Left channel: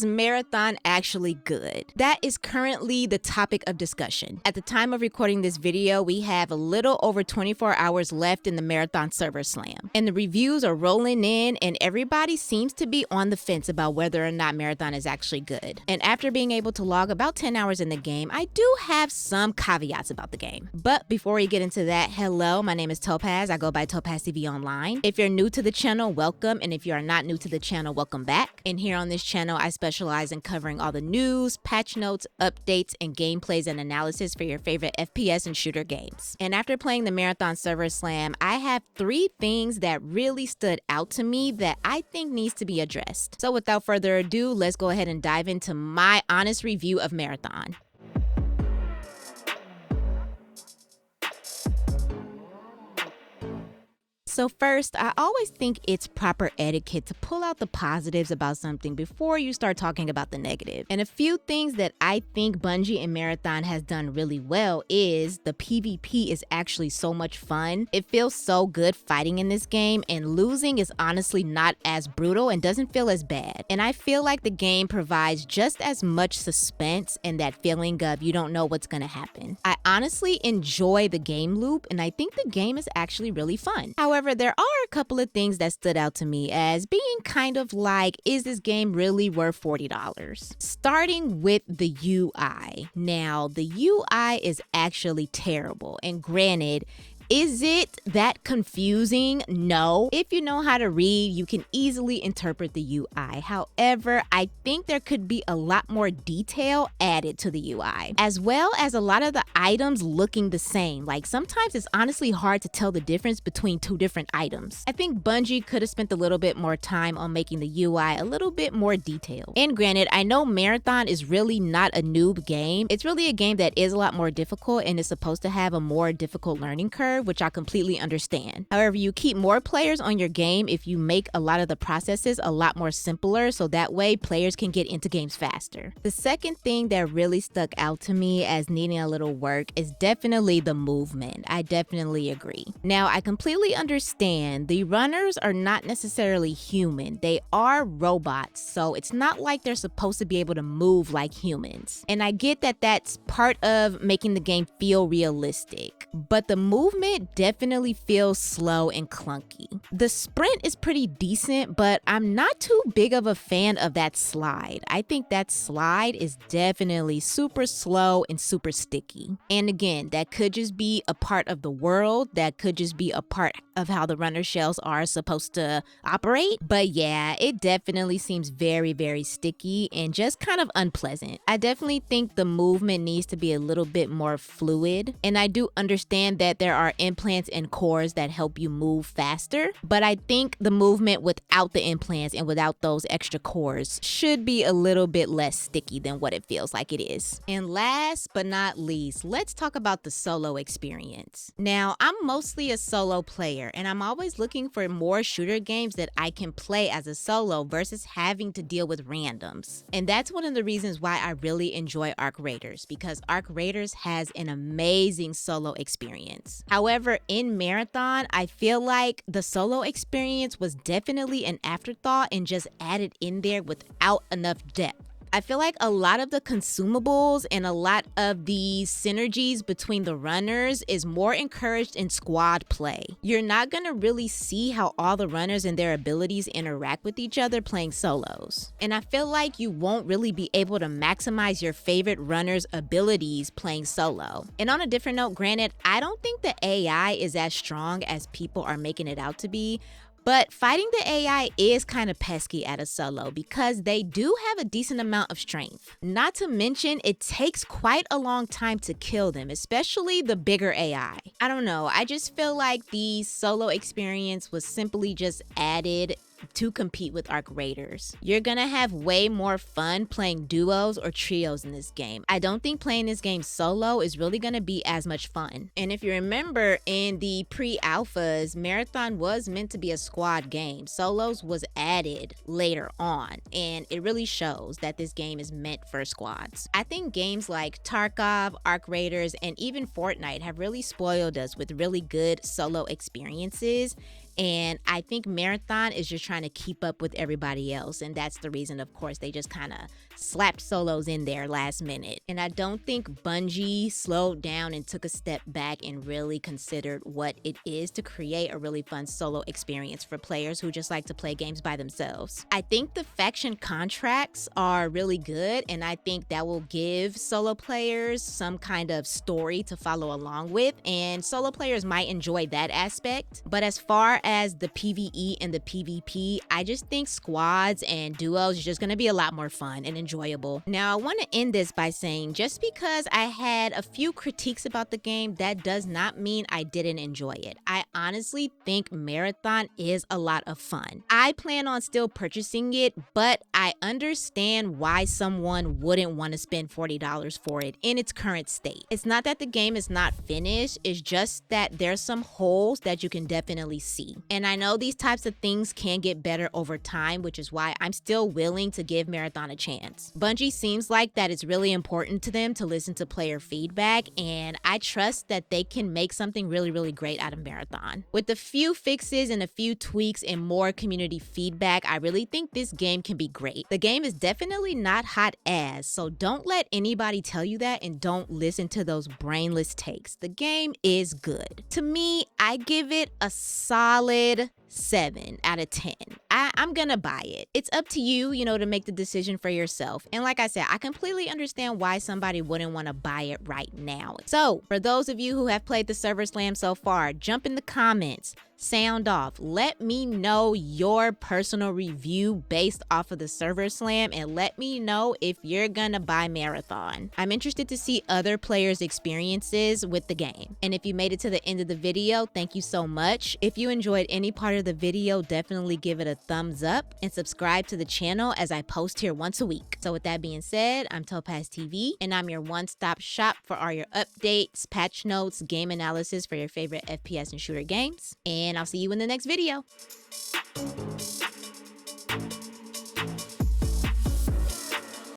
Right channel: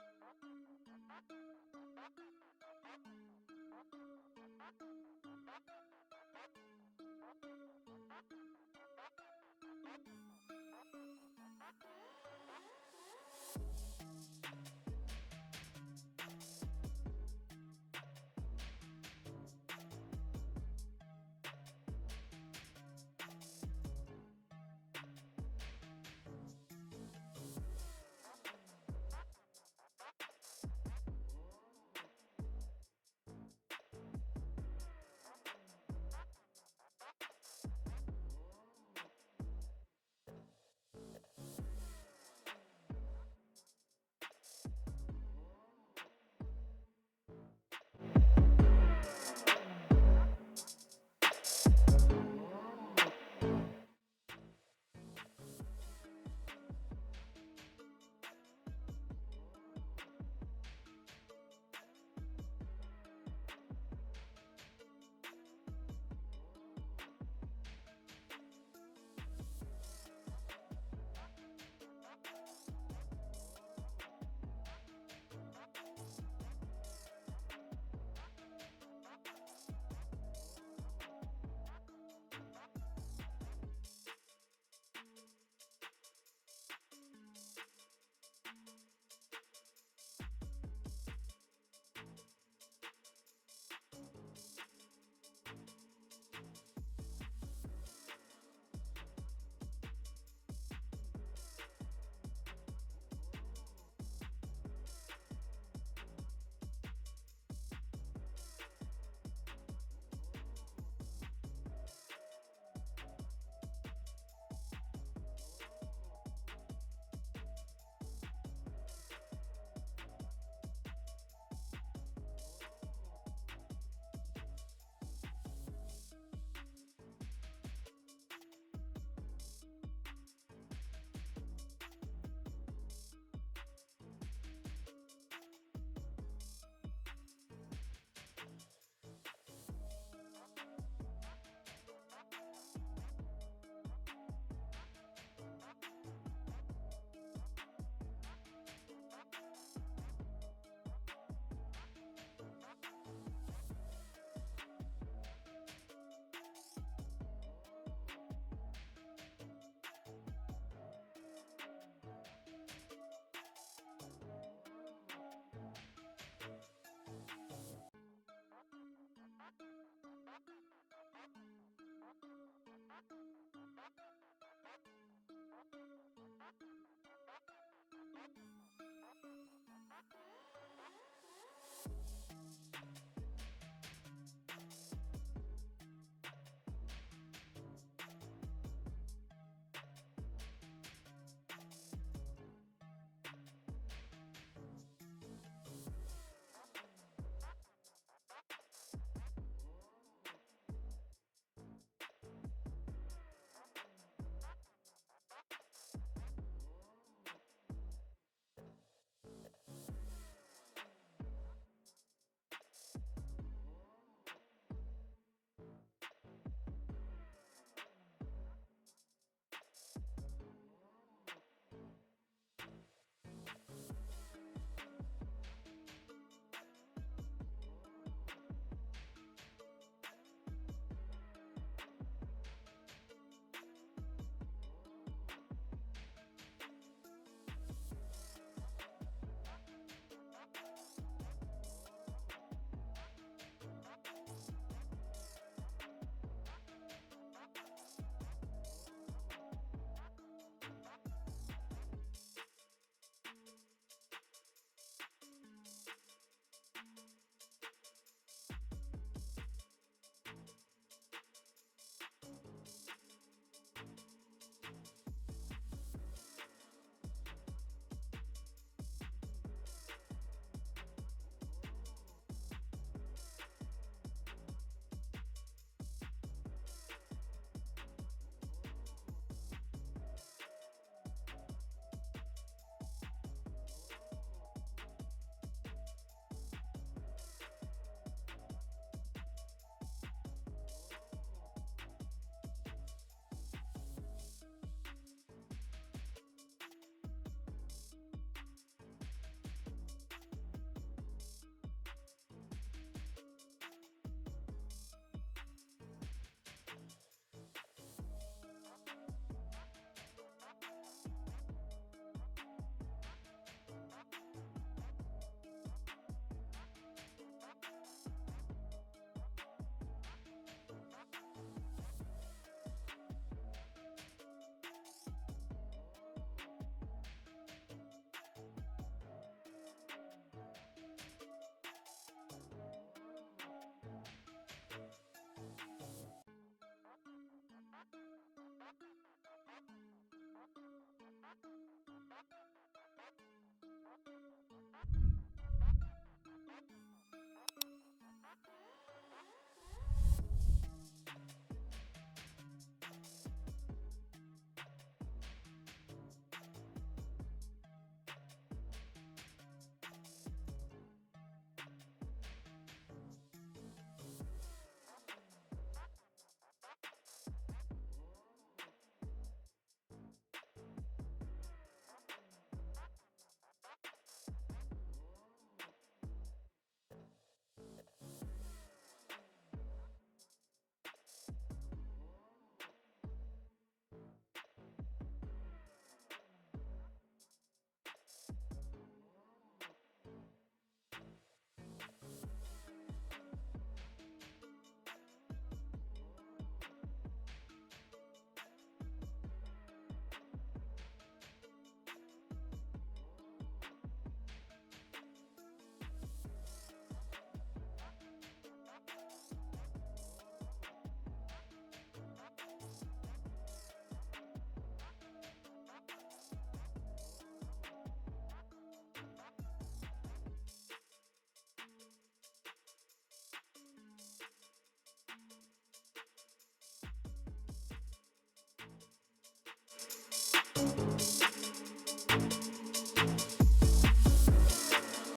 Is Marathon actually good? That is currently the topic of discussion. At the time of recording this video, we have a little over 24 hours left in the Marathon server slam. And the reviews are rolling in and everybody seems to be on the fence about whether or not Marathon is actually good. And after being able to log about 10 hours in the game, I do have some caveats about the game. But before we get into that, hello, my name is Topaz. I go by Topaz TV Online. If you're new to the channel, welcome. And if you are not new to the channel, welcome back. And here on this channel, I specialize in covering all the news, patch notes, updates, and gameplays and analysis for your favorite FPS and shooter games. And after playing the Marathon Server Slam, I have 3 things that really stood out to me that I think needs to be addressed. So without further ado, let's go ahead and dive into my honest review of Marathon. So first, I always think it's proper etiquette to pull out the positives about something before you start talking about the negative. And a few things that I think Bungie and Marathon has done really well is the PvP is actually so much fun. It feels so good fighting in this game, and losing is honestly not as brutal and doesn't feel as bad. And I feel like the game provides just as much suspense and that feeling of you don't know what's gonna happen. I honestly enjoy the game loop, and I think the game is actually really fun. However, there are a couple of things that stood out to me as being kind of like, is this game really worth $40? Starting with the UI. Now, the UI is actually terrible, and granted, is it that confusing? No. If you know how to read, you can easily interpret the UI. However, I think there could be a lot more detail added to the UI, as well as a lot of the items looking the same. Like sometimes it's honestly hard to tell the difference between 2 different items. I think Bungie could have spent a little bit more time on making the UI a little bit more detailed. And granted, I know Marathon is really not a noob game. It's really a game that is a lot more difficult and is supposed to have a more difficult learning curve, which I completely understand. However, you keep more players on your game if you make a lot of the processes a lot more simpler, so that way players can get into games faster. The second thing that really stuck out to me as needing a little work is definitely the movement. I definitely agree. Now, I completely understand the runners are not necessarily human. They are robots, so it's not like they're supposed to be able to move like humans. And I get that that's part of making the game feel realistic, but the movement definitely feels slow and clunky. The sprint is pretty decent, but I'm not too big of a fan of that slide. I think that slide is definitely super slow and super sticky. And again, that could just be a part of the world. That could just be a part of how the runner shells are supposed to operate. But yeah, it definitely seems very, very sticky and just kind of unpleasant. I definitely think the movement needs to be a little bit more fluid. And I do understand that there are implants and cores that help you move faster, but I think the movement without the implants and without those extra cores should be a little bit less sticky than what it feels like it is. And last but not least, let's talk about the solo experience. Now, I'm mostly a solo player, and I'm always looking for more shooter games that I can play as a solo versus having to deal with randoms. And that's one of the reasons why I really enjoy Arc Raiders, because Arc Raiders has an amazing solo experience. However, in Marathon, I feel like the solo experience was definitely an afterthought and just added in there without enough depth. I feel like a lot of the consumables and a lot of the synergies between the runners is more encouraged in squad play. You're not gonna really see how all the runners and their abilities interact with each other playing solos. And I feel like you won't really be able to maximize your favorite runner's abilities playing solo. And on a different note, granted, I don't think the AI is as strong as people are making it out to be, but fighting the AI is kind of pesky at a solo because they do have a decent amount of strength. Not to mention, it takes quite a long time to kill them, especially the bigger AI. I don't know, I just feel like the solo experience was simply just added to compete with Arc Raiders. You're gonna have way more fun playing duos or trios in this game. I don't think playing this game solo is really gonna be as much fun. And if you remember, in the pre-alphas, Marathon was meant to be a squad game. Solos was added later on, and it really shows that this game is meant for squads. I think games like Tarkov, Arc Raiders, and even Fortnite have really spoiled us with really good solo experiences. And I think Marathon is just trying to keep up with everybody else. And that's the reason, of course, they just kind of slapped solos in there last minute. And I don't think Bungie slowed down and took a step back and really considered what it is to create a really fun solo experience for players who just like to play games by themselves. I think the faction contracts are really good, and I think that will give solo players some kind of story to follow along with, and solo players might enjoy that aspect. But as far as the PvE and the PvP, I just think squads and duos are just going to be a lot more fun and enjoyable. Now, I want to end this by saying just because I had a few critiques about the game, that does not mean I didn't enjoy it. I honestly think Marathon is a lot of fun. I plan on still purchasing it, but I understand why someone wouldn't want to spend $40 for it in its current state. It's not that the game is not finished, it's just that there's some holes that you can definitely see. And I know these types of things can get better over time, which is why I'm still willing to give Marathon a chance. Bungie seems like that it's really important to them to listen to player feedback, and I trust that they can make something really, really great out of Marathon. With a few fixes and a few tweaks and more community feedback, I really think this game can be great. The game is definitely not hot ass, so don't let anybody tell you that, and don't listen to those brainless takes. The game is good. To me, I give it a solid 7 out of 10. I'm gonna buy it. It's up to you, to make the decision for yourself. And like I said, I completely understand why somebody wouldn't want to buy it right now. So for those of you who have played the Server Slam so far, jump in the comments, sound off. Let me know your personal review based off of the Server Slam, and let me know if you're gonna buy Marathon. I'm interested to see other players' experiences with the game. And if you made it to the end of the video, thank you so much. If you enjoyed any part of the video, definitely give it a thumbs up and subscribe to the channel as I post here once a week. So with that being said, I'm Topaz TV, and I'm your one-stop shop for all your updates, patch notes, game analysis for your favorite FPS and shooter games. And I'll see you in the next video.